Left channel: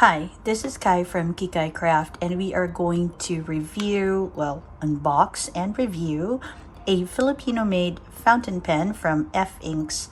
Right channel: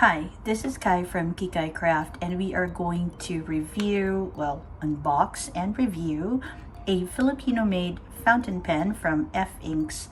Hi, this is Kai from Kikai Craft, and we are going to unbox and review a Filipino-made fountain pen from F Inks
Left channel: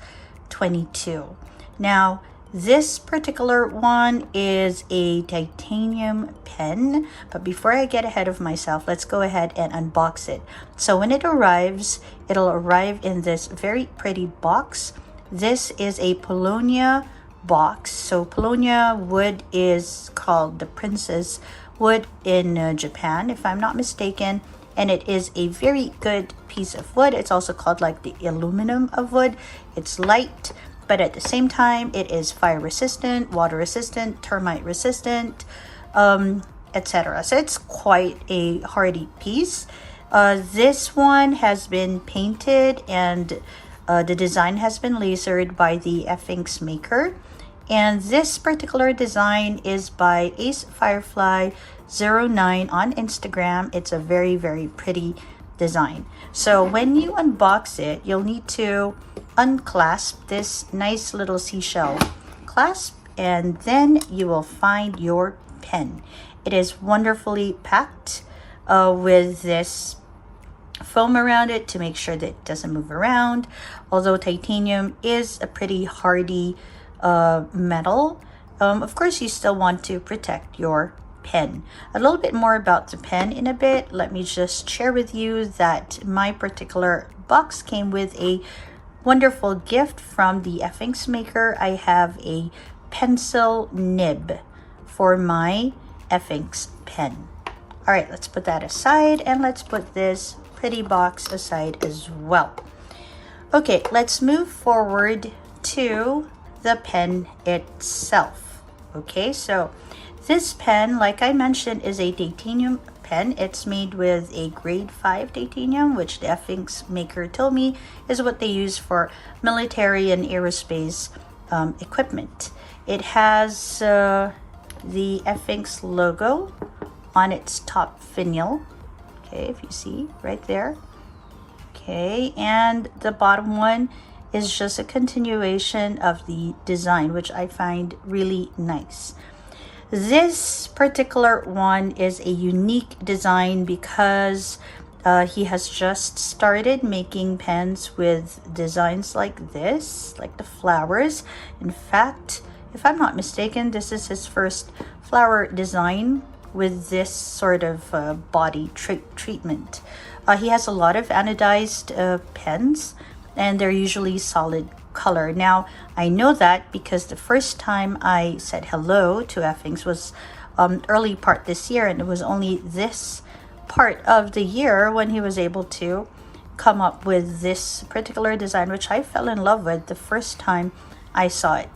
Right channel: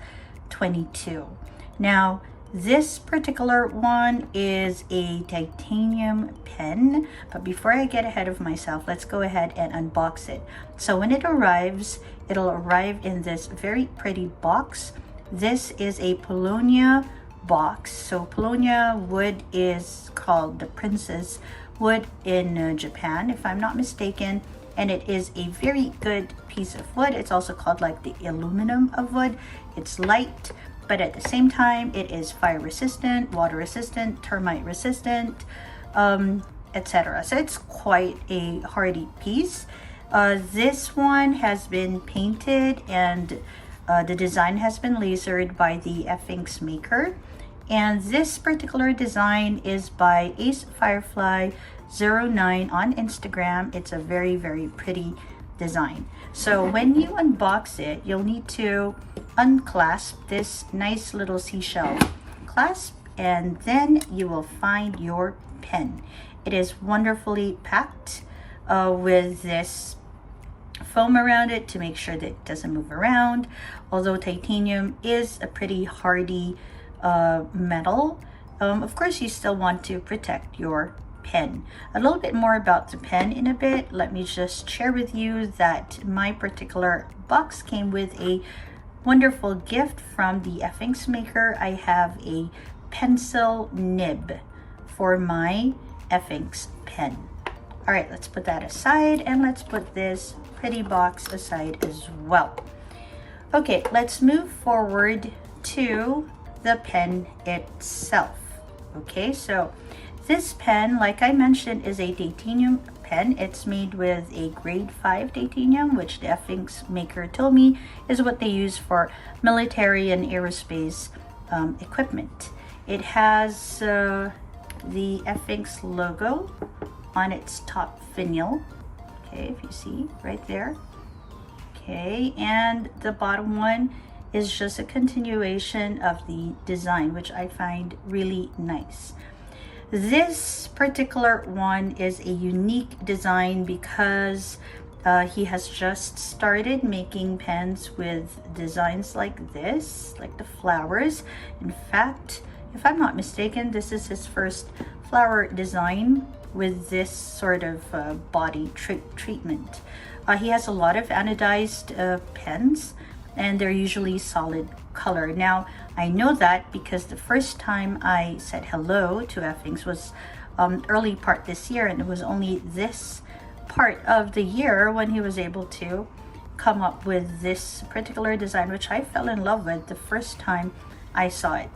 22. Now, this particular one is a titanium pen, but before I get ahead of myself, let's go ahead and unbox it. So when it arrives, it'll arrive in this very pretty box. This is a Paulownia box. So Paulownia wood is called the princess wood in Japan, if I'm not mistaken, and it is a very good piece of wood. It's also called like the aluminum of wood. It's light, but at the same time it is fire resistant, water resistant, termite resistant, etc. So it's quite a hardy piece. This one has been painted and the design has been lasered by the F Inks maker. And this particular design is by Ace Firefly 09 on Instagram. It's a very, very pretty design. So when you unbox it, you'll need to unclasp this nice little seashell clasp, and then you will find your pen. It is wonderfully packed with this foam around it to make sure that it doesn't move around. Although titanium is a pretty hardy metal, of course you still want to protect your pen. A little bit more about the pen in a bit. Let me just share with you that my particular box came with a wonderful gift from the F Inks maker. I have a pencil nib for my F Inks pen. All right, let's put that aside and let's put this pretty box aside as well. Okay, let's move forward to the pen itself. Okay, so this pen, like I mentioned, is a titanium pen. It's made with a grade 5 titanium, which the F Inks maker told me is what they use for military and aerospace equipment. It has the F Inks logo on its top finial. Okay, if you see right there. Okay, and the bottom one is just a continuation of the design, which I find really nice. This particular one is a unique design because he has just started making pens with designs like this, like the flowers. In fact, if I'm not mistaken, this is his first flower design with this sort of body treatment. He has a lot of anodized pens, and they're usually solid color. Now, I know that because the first time I said hello to F Inks was early part this year, and it was only this part of the year when he was able to come up with this particular design, which I fell in love with the first time I saw it,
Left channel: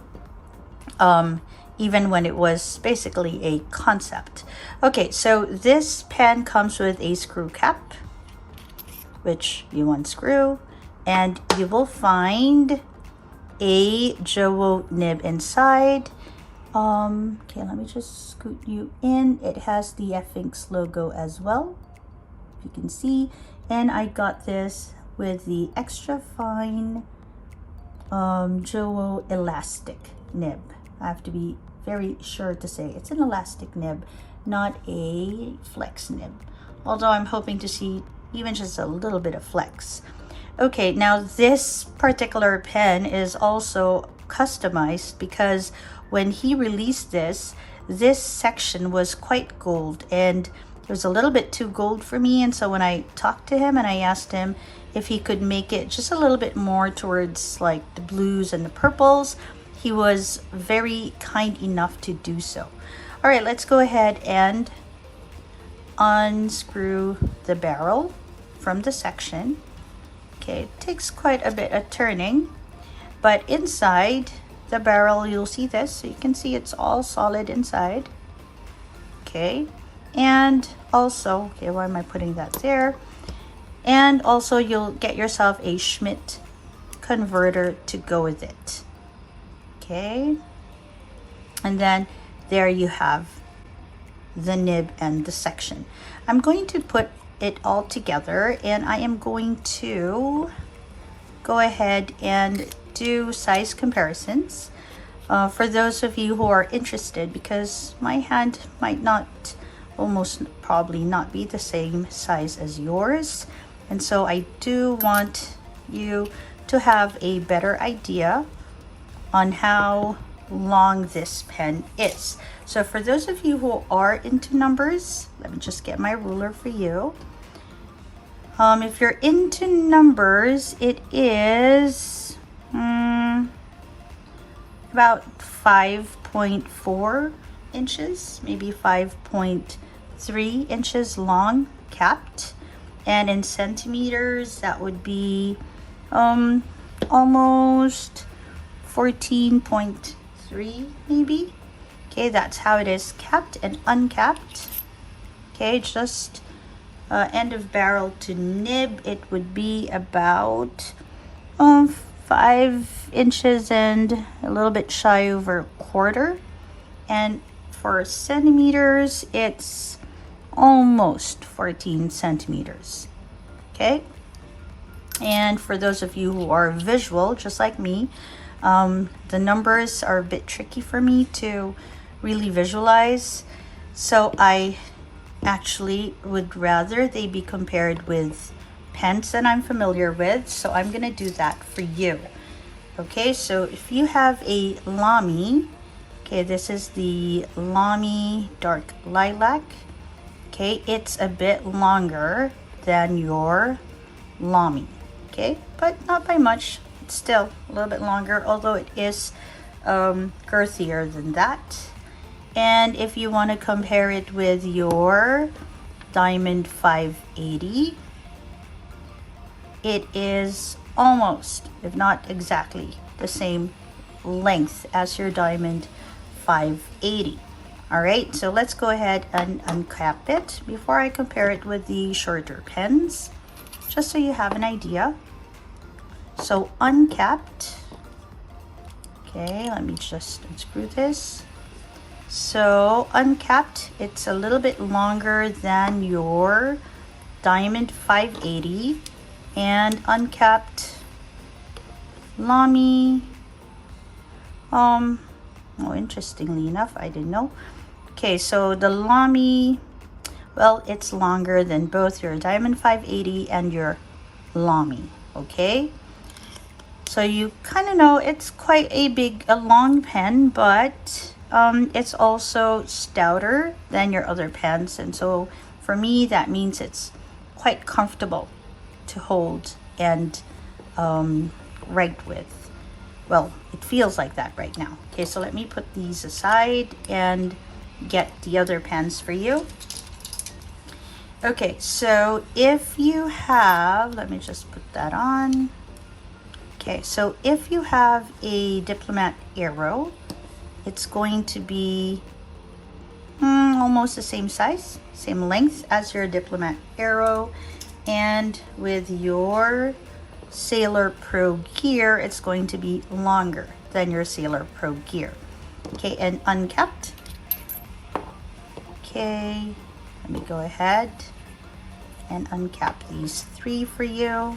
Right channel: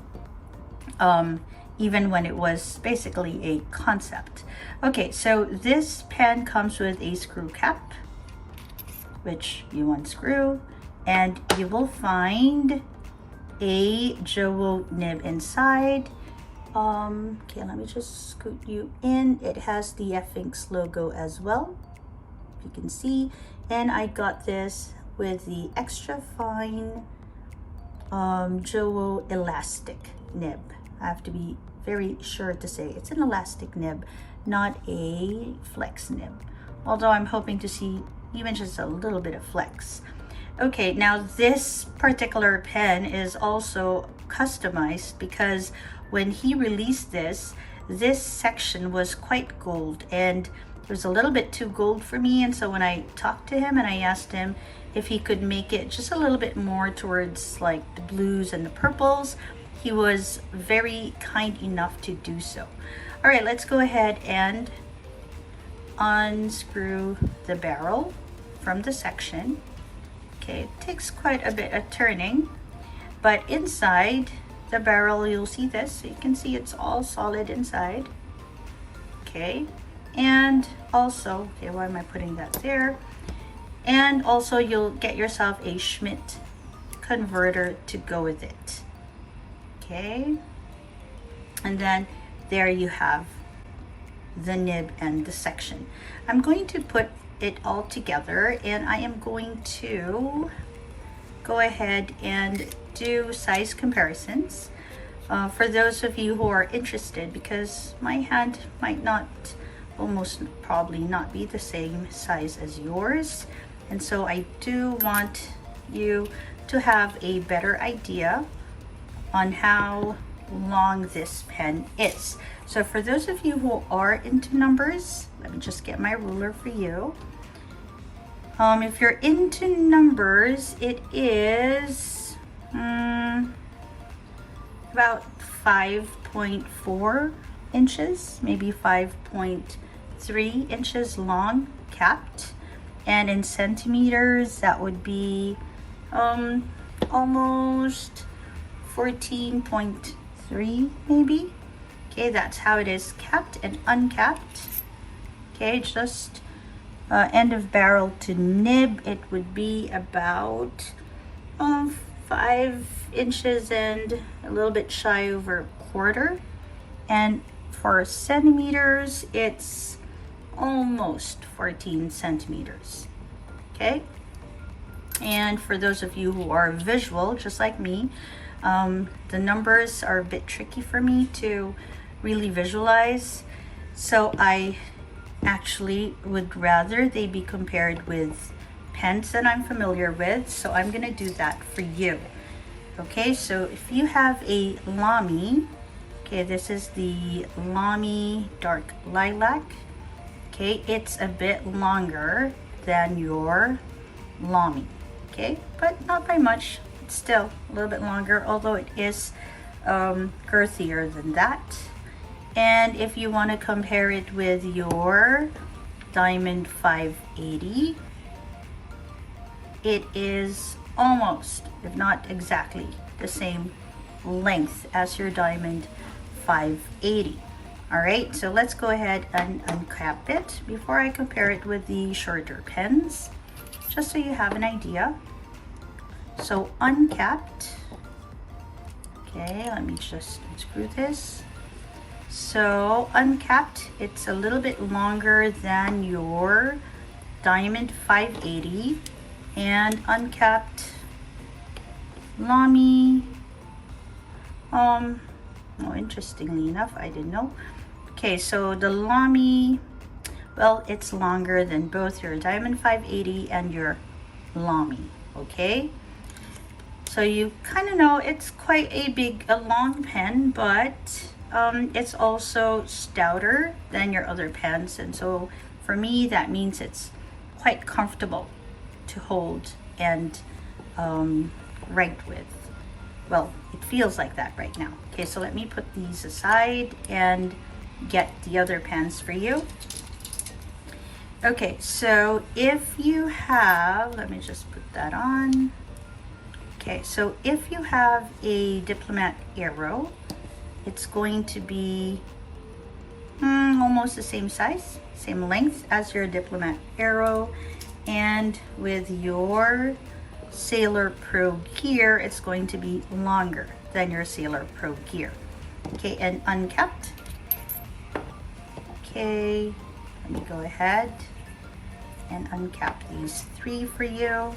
even when it was basically a concept. Okay, so this pen comes with a screw cap, which you unscrew, and you will find a Jowo nib inside. Okay, let me just scoot you in. It has the F Inks logo as well, if you can see. And I got this with the extra fine Jowo Elastic nib. I have to be very sure to say it's an elastic nib, not a flex nib. Although I'm hoping to see even just a little bit of flex. Okay, now this particular pen is also customized because when he released this section was quite gold, and it was a little bit too gold for me. And so when I talked to him and I asked him if he could make it just a little bit more towards like the blues and the purples, he was very kind enough to do so. All right, let's go ahead and unscrew the barrel from the section. Okay, it takes quite a bit of turning, but inside the barrel, you'll see this. So you can see it's all solid inside. Okay, and also, okay, why am I putting that there? And also you'll get yourself a Schmidt converter to go with it. Okay, and then there you have the nib and the section. I'm going to put it all together, and I am going to go ahead and do size comparisons. for those of you who are interested, because my hand might not, almost probably not be the same size as yours, and so I do want you to have a better idea on how long this pen is. So for those of you who are into numbers, let me just get my ruler for you. If you're into numbers, it is about 5.4 inches, maybe 5.3 inches long, capped. And in centimeters, that would be almost 14.3 maybe. Okay, that's how it is capped and uncapped. Okay, just end of barrel to nib, it would be about 5 inches and a little bit shy over a quarter. And for centimeters, it's almost 14 centimeters. Okay, and for those of you who are visual, just like me, the numbers are a bit tricky for me to really visualize, so I actually would rather they be compared with pens that I'm familiar with, so I'm gonna do that for you. Okay, so if you have a Lamy, okay, this is the Lamy Dark Lilac. Okay, it's a bit longer than your Lamy, okay, but not by much. It's still a little bit longer, although it is girthier than that. And if you want to compare it with your Diamond 580, it is almost, if not exactly, the same length as your Diamond 580. All right, so let's go ahead and uncap it before I compare it with the shorter pens, just so you have an idea. So uncapped, okay, let me just unscrew this. So uncapped, it's a little bit longer than your Diamond 580, and uncapped Lamy, oh, interestingly enough, I didn't know. Okay, so the Lamy, well, it's longer than both your Diamond 580 and your Lamy, okay? So you kind of know it's quite a long pen, but it's also stouter than your other pens, and so for me that means it's quite comfortable to hold and write with. Well, it feels like that right now. Okay, so let me put these aside and get the other pens for you. Okay, so if you have, let me just put that on. Okay, so if you have a Diplomat Aero, it's going to be almost the same size, same length as your Diplomat Aero. And with your Sailor Pro Gear, it's going to be longer than your Sailor Pro Gear. Okay, and uncapped. Okay, let me go ahead and uncap these three for you.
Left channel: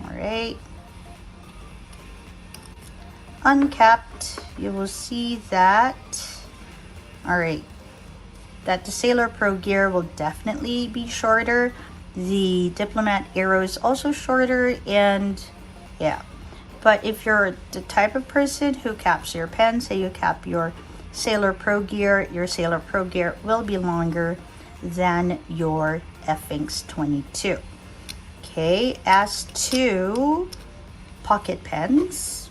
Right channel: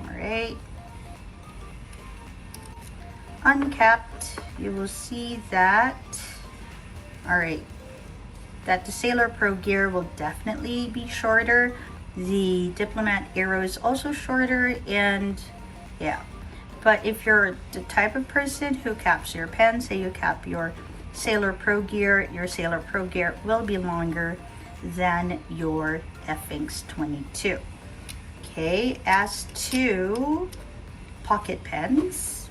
All right. Uncapped, you will see that, all right, that the Sailor Pro Gear will definitely be shorter. The Diplomat Aero is also shorter, and yeah. But if you're the type of person who caps your pen, say you cap your Sailor Pro Gear, your Sailor Pro Gear will be longer than your F-Inks 22. Okay, as to pocket pens,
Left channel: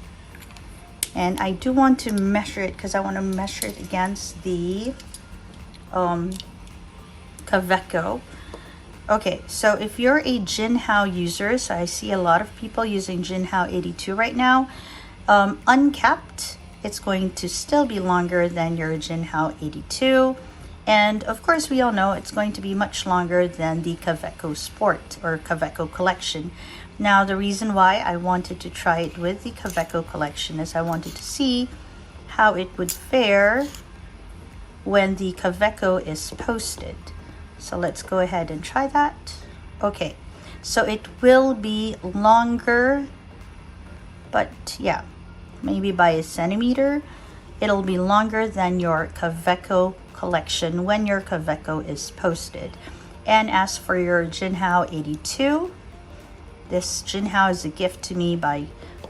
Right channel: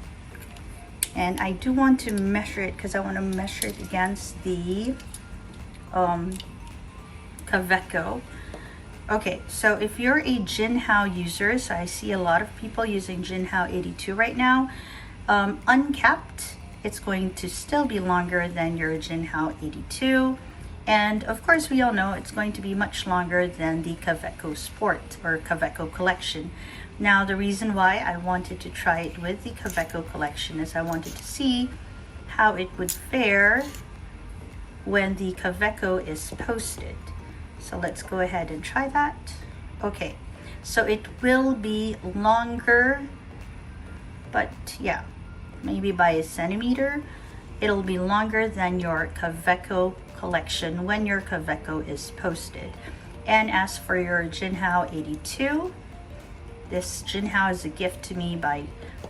and I do want to measure it because I want to measure it against the Kaweco. Okay, so if you're a Jinhao user, so I see a lot of people using Jinhao 82 right now, uncapped, it's going to still be longer than your Jinhao 82. And of course, we all know it's going to be much longer than the Kaweco Sport or Kaweco Collection. Now, the reason why I wanted to try it with the Kaweco Collection is I wanted to see how it would fare when the Kaweco is posted. So let's go ahead and try that. Okay, so it will be longer, but yeah, maybe by a centimeter. It'll be longer than your Kaweco collection when your Kaweco is posted. And as for your Jinhao 82, this Jinhao is a gift to me by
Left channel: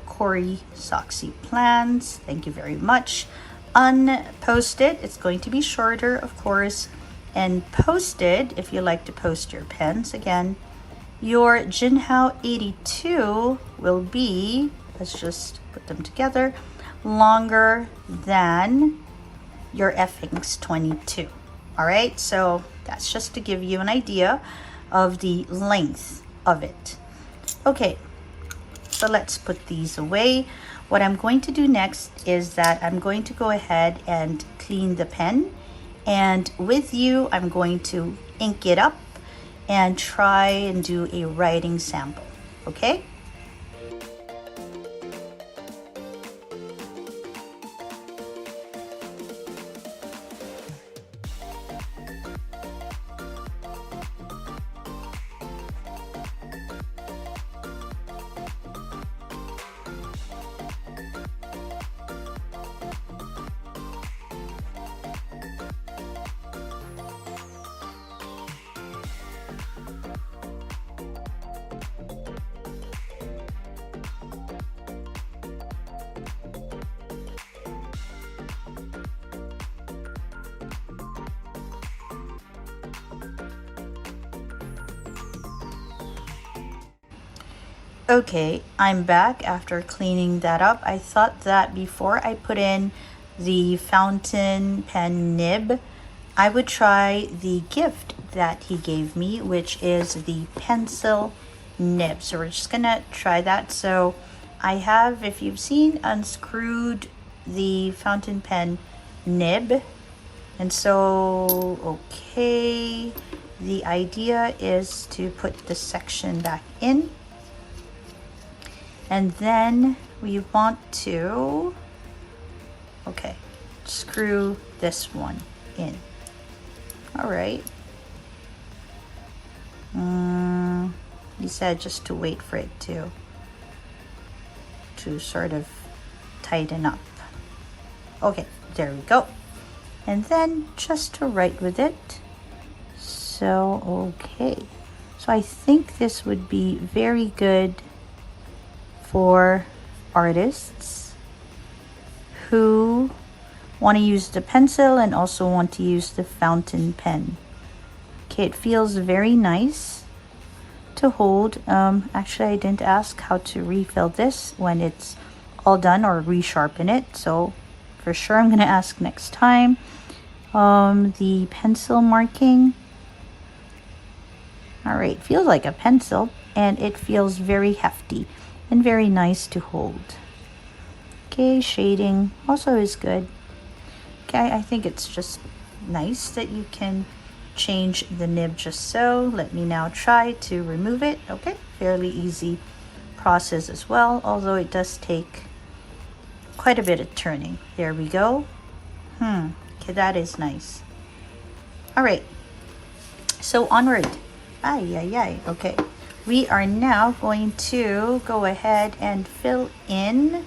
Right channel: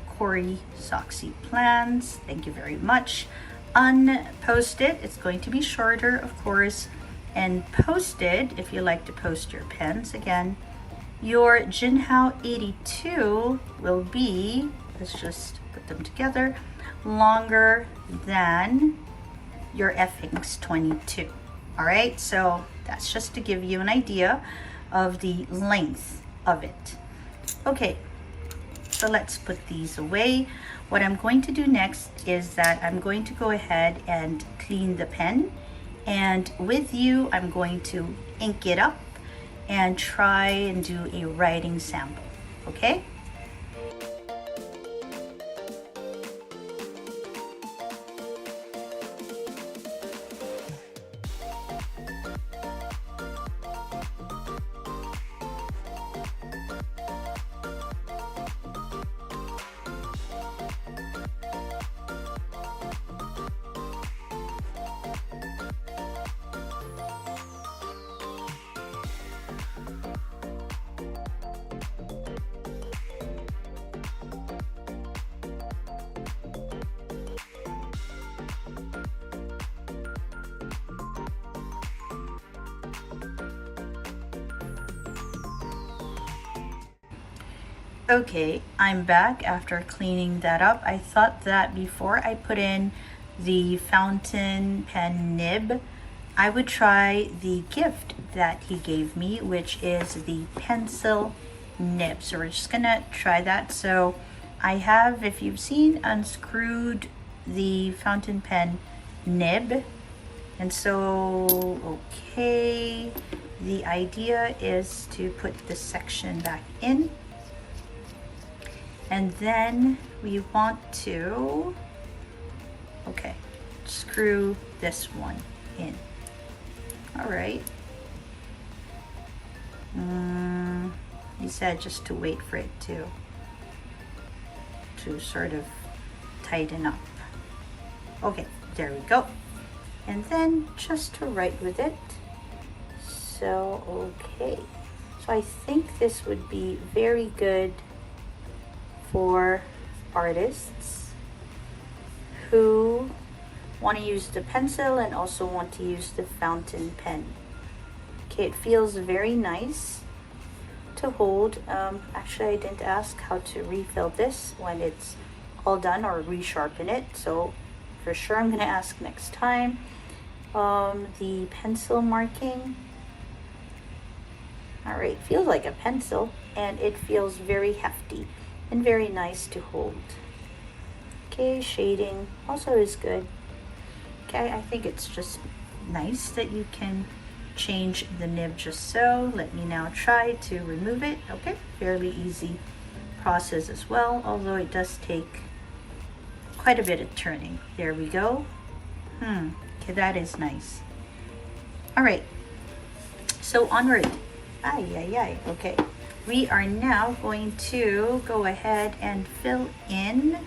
Corey Soxy Plans. Thank you very much. Unposted, it's going to be shorter, of course. And posted, if you like to post your pens again, your Jinhao 82 will be, let's just put them together, longer than your FX 22. All right, so that's just to give you an idea of the length of it. Okay, so let's put these away. What I'm going to do next is that I'm going to go ahead and clean the pen, and with you I'm going to ink it up and try and do a writing sample, okay? Okay, I'm back after cleaning that up. I thought that before I put in the fountain pen nib, I would try the gift that he gave me, which is the pencil nib. So we're just gonna try that. So I have, if you've seen, unscrewed the fountain pen nib. And so, okay, the idea is to put this section back in. And then we want to, okay, screw this one in. All right. He said just to wait for it to sort of tighten up. Okay, there we go. And then just to write with it. So, okay. So I think this would be very good for artists who want to use the pencil and also want to use the fountain pen. Okay, it feels very nice to hold. Actually, I didn't ask how to refill this when it's all done, or resharpen it, so for sure I'm gonna ask next time. The pencil marking, all right, feels like a pencil, and it feels very hefty and very nice to hold. Okay, shading also is good. Okay, I think it's just nice that you can change the nib just so. Let me now try to remove it. Okay, fairly easy process as well, although it does take quite a bit of turning. There we go. Okay, that is nice. All right, so onward. Okay. We are now going to go ahead and fill in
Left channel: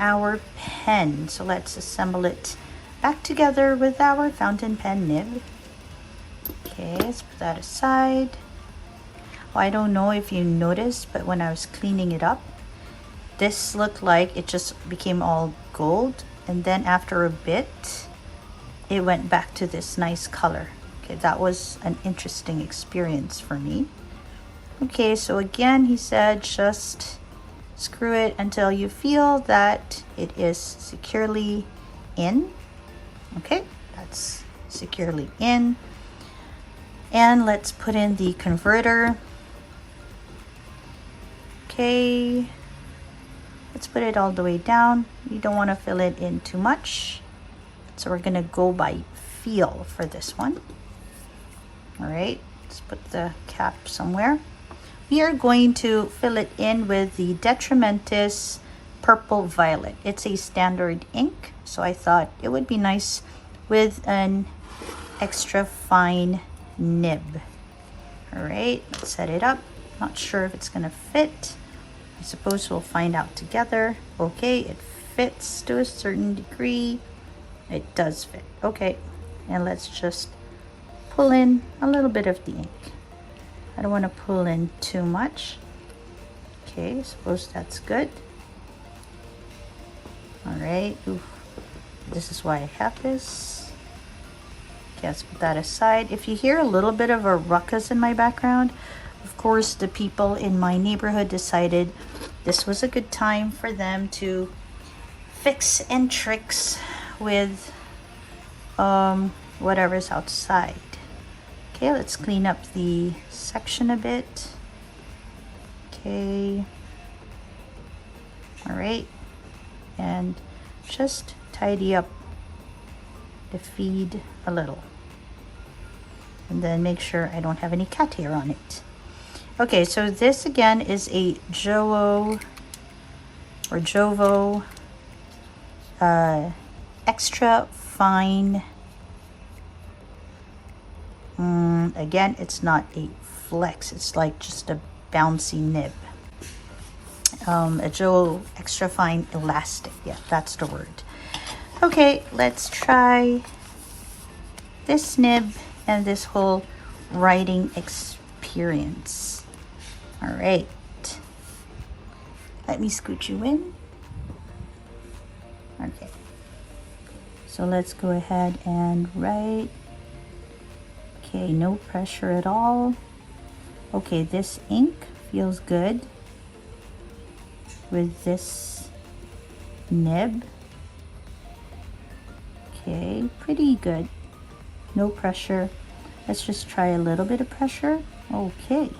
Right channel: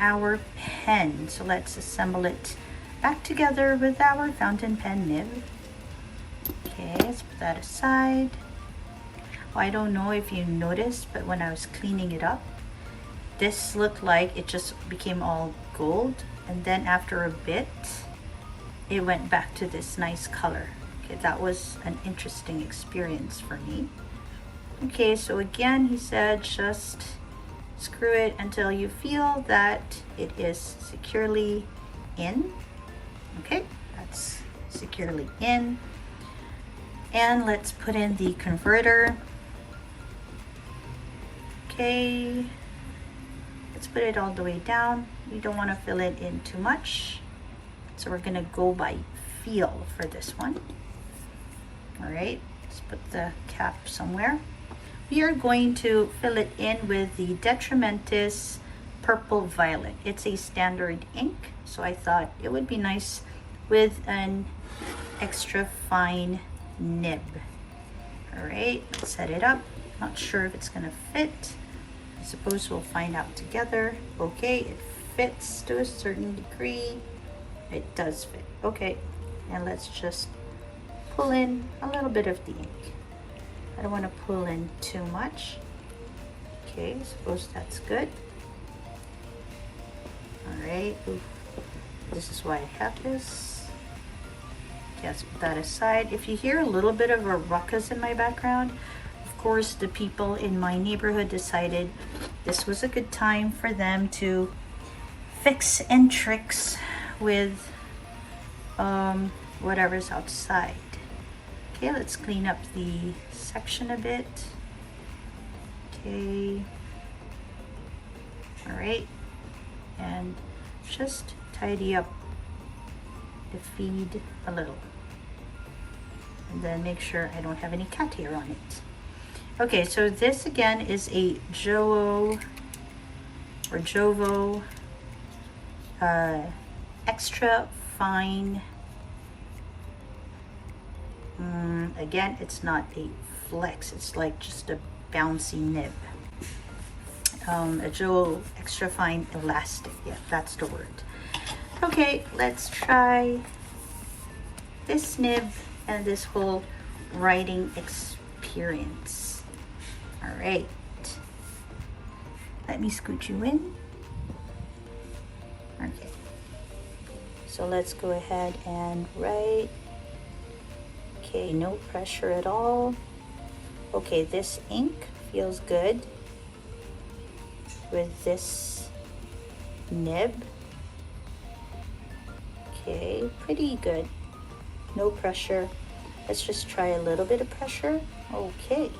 our pen. So let's assemble it back together with our fountain pen nib. Okay, let's put that aside. Well, I don't know if you noticed, but when I was cleaning it up, this looked like it just became all gold. And then after a bit, it went back to this nice color. Okay, that was an interesting experience for me. Okay, so again, he said just screw it until you feel that it is securely in. Okay, that's securely in. And let's put in the converter. Okay, let's put it all the way down. You don't want to fill it in too much. So we're gonna go by feel for this one. All right, let's put the cap somewhere. We are going to fill it in with the Detrimentis Purple Violet. It's a standard ink, so I thought it would be nice with an extra fine nib. All right, let's set it up. Not sure if it's gonna fit. I suppose we'll find out together. Okay, it fits to a certain degree. It does fit. Okay, and let's just pull in a little bit of the ink. I don't want to pull in too much. Okay, suppose that's good. All right, this is why I have this. Okay, let's put that aside. If you hear a little bit of a ruckus in my background, of course, the people in my neighborhood decided this was a good time for them to fix and tricks with whatever's outside. Okay, let's clean up the section a bit. Okay. All right. And just tidy up the feed a little. And then make sure I don't have any cat hair on it. Okay, so this again is a Jowo or Jowo extra fine. Again, it's not a flex, it's like just a bouncy nib. A Jowo extra fine elastic, yeah, that's the word. Okay, let's try this nib and this whole writing experience. All right, let me scoot you in. Okay, so let's go ahead and write. Okay, no pressure at all. Okay, this ink feels good with this nib. Okay, pretty good. No pressure. Let's just try a little bit of pressure. Okay.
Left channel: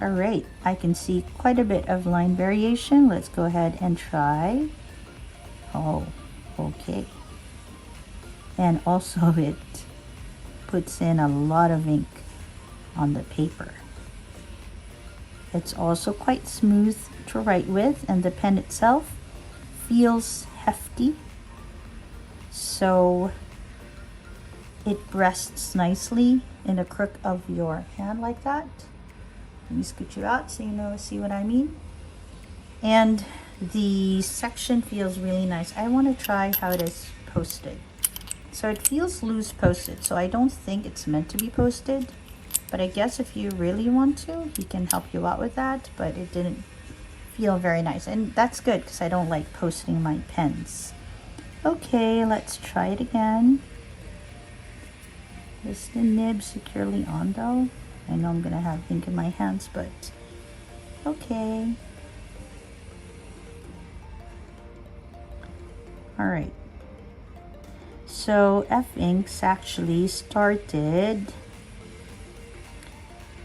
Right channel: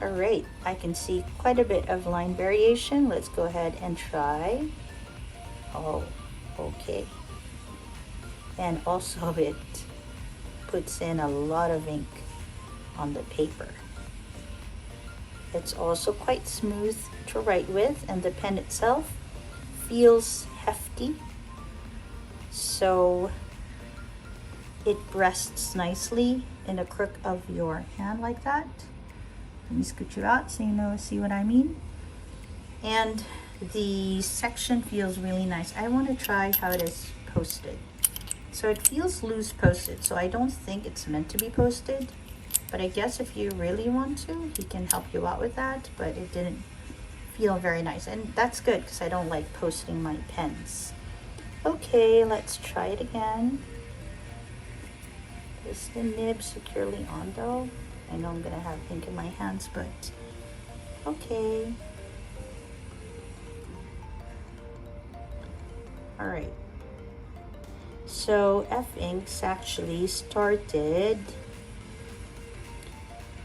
All right, I can see quite a bit of line variation. Let's go ahead and try. Oh, okay. And also it puts in a lot of ink on the paper. It's also quite smooth to write with, and the pen itself feels hefty, so it rests nicely in the crook of your hand like that. Let me scoot you out so you know, see what I mean. And the section feels really nice. I want to try how it is posted. So it feels loose posted, so I don't think it's meant to be posted, but I guess if you really want to, he can help you out with that, but it didn't feel very nice, and that's good because I don't like posting my pens. Okay, let's try it again. Is the nib securely on though? I know I'm gonna have ink in my hands, but okay. All right. So F Inks actually started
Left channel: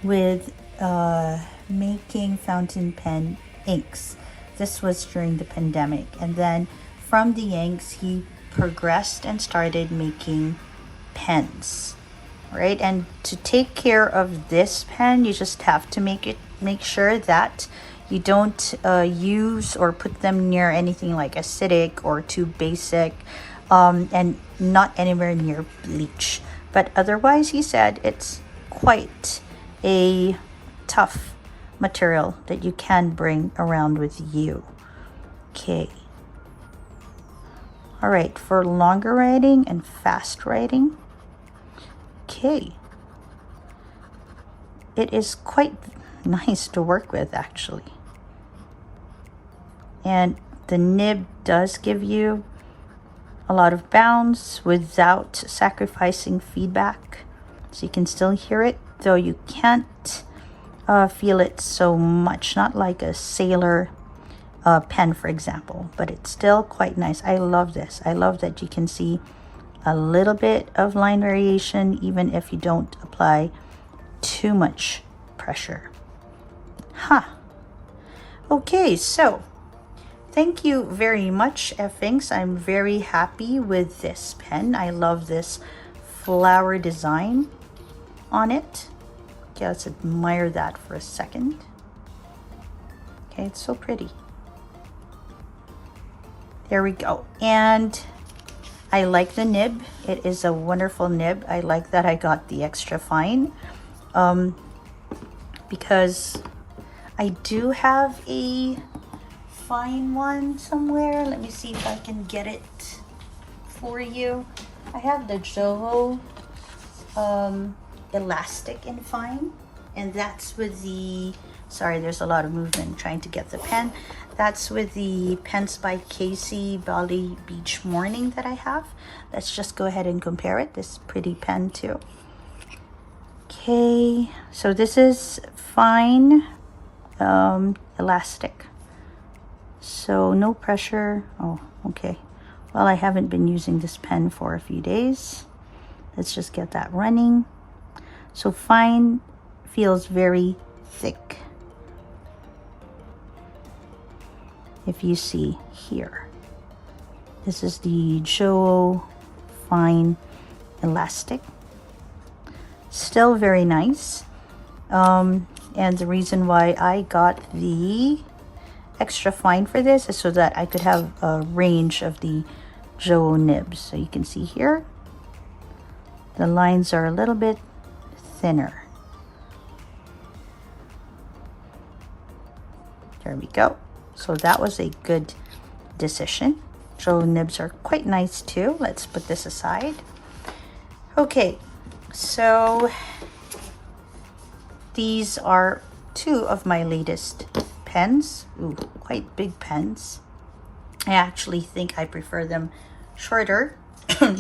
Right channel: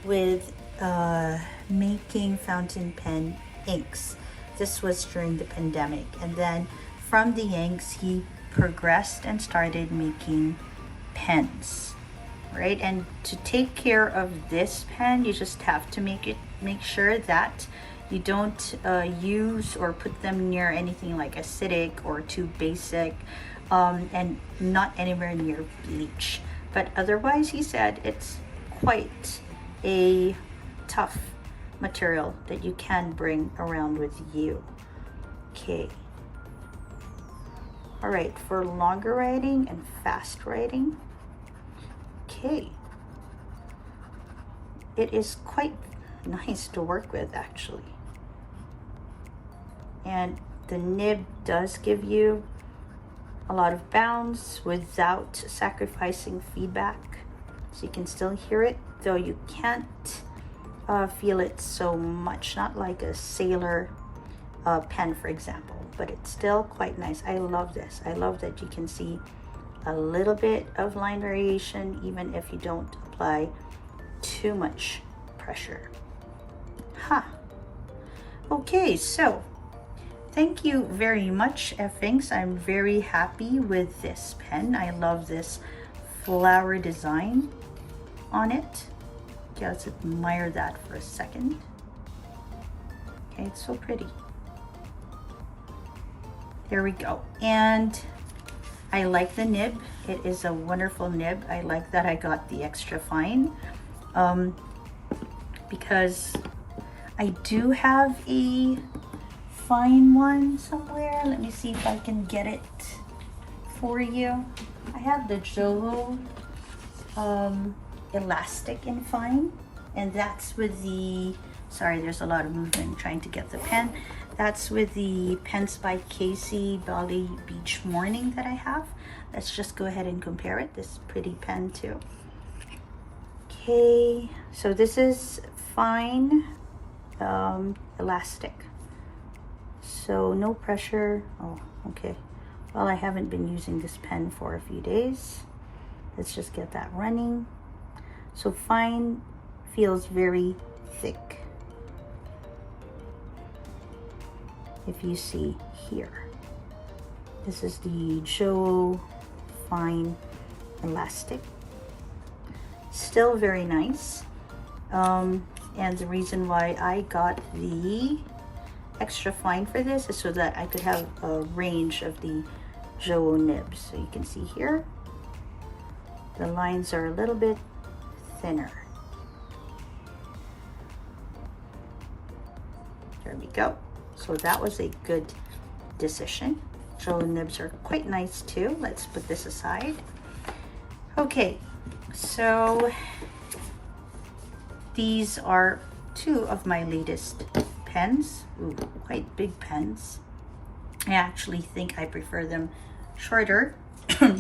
with making fountain pen inks. This was during the pandemic, and then from the inks he progressed and started making pens, right? And to take care of this pen, you just have to make sure that you don't use or put them near anything like acidic or too basic, and not anywhere near bleach. But otherwise, he said it's quite a tough material that you can bring around with you. Okay. All right, for longer writing and fast writing, okay, it is quite nice to work with actually. And the nib does give you a lot of bounce without sacrificing feedback, so you can still hear it, though you can't feel it so much, not like a sailor pen, for example, but it's still quite nice. I love this. I love that you can see a little bit of line variation even if you don't apply too much pressure. Okay, so thank you very much, F Inks. I'm very happy with this pen. I love this flower design on it. Okay, let's admire that for a second. Okay, it's so pretty. There we go. And I like the nib. It is a wonderful nib. I like that I got the extra fine, because I do have a fine one somewhere. Let me see if I can get it for you. I have the Jowo Elastic in fine, and that's with the, sorry, there's a lot of movement trying to get the pen. That's with the Pens by Casey Bali Beach Morning that I have. Let's just go ahead and compare it. This pretty pen too. Okay, so this is fine elastic, so no pressure. Oh, okay. Well, I haven't been using this pen for a few days. Let's just get that running. So fine feels very thick. If you see here, this is the Jowo Fine Elastic. Still very nice. And the reason why I got the extra fine for this is so that I could have a range of the Jowo nibs. So you can see here, the lines are a little bit thinner. There we go. So that was a good decision. Jowo nibs are quite nice too. Let's put this aside. Okay, so these are two of my latest pens. Ooh, quite big pens. I actually think I prefer them shorter.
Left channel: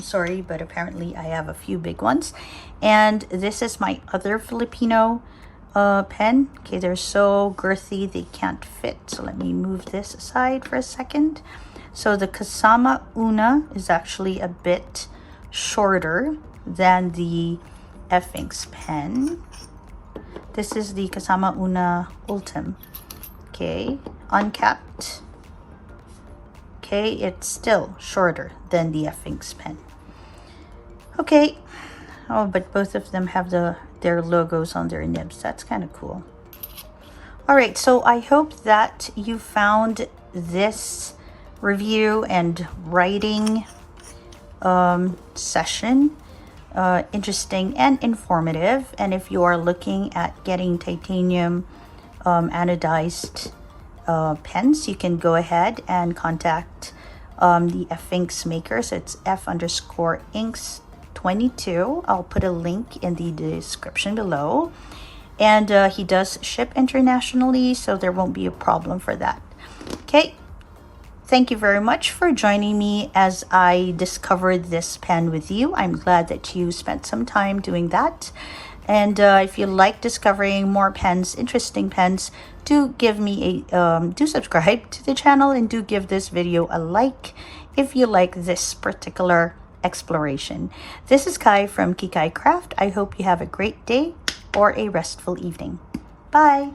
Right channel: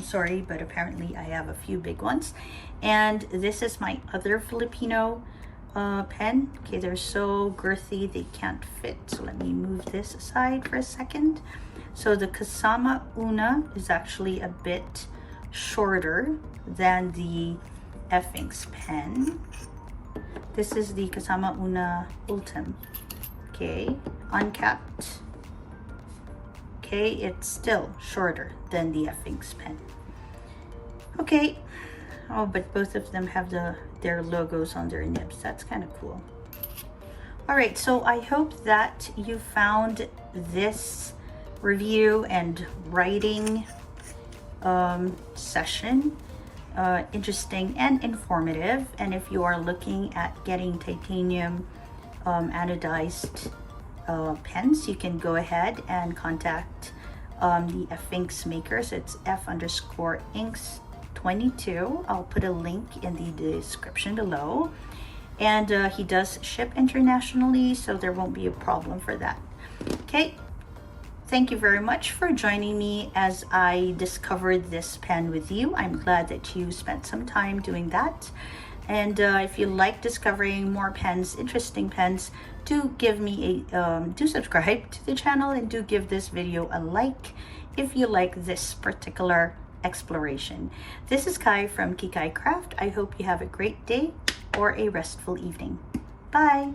Sorry, but apparently I have a few big ones. And this is my other Filipino pen. Okay, they're so girthy they can't fit. So let me move this aside for a second. So the Kasama Una is actually a bit shorter than the F Inks pen. This is the Kasama Una Ultim. Okay, uncapped. Okay, it's still shorter than the F Inks pen. Okay, oh, but both of them have their logos on their nibs. That's kind of cool. All right, so I hope that you found this review and writing session interesting and informative. And if you are looking at getting titanium anodized pens, you can go ahead and contact the F Inks maker. So it's F_Inks 22. I'll put a link in the description below. And he does ship internationally, so there won't be a problem for that. Okay, thank you very much for joining me as I discovered this pen with you. I'm glad that you spent some time doing that. And if you like discovering more pens, interesting pens, do give me a do subscribe to the channel, and do give this video a like if you like this particular exploration. This is Kai from Kikai Craft. I hope you have a great day or a restful evening. Bye.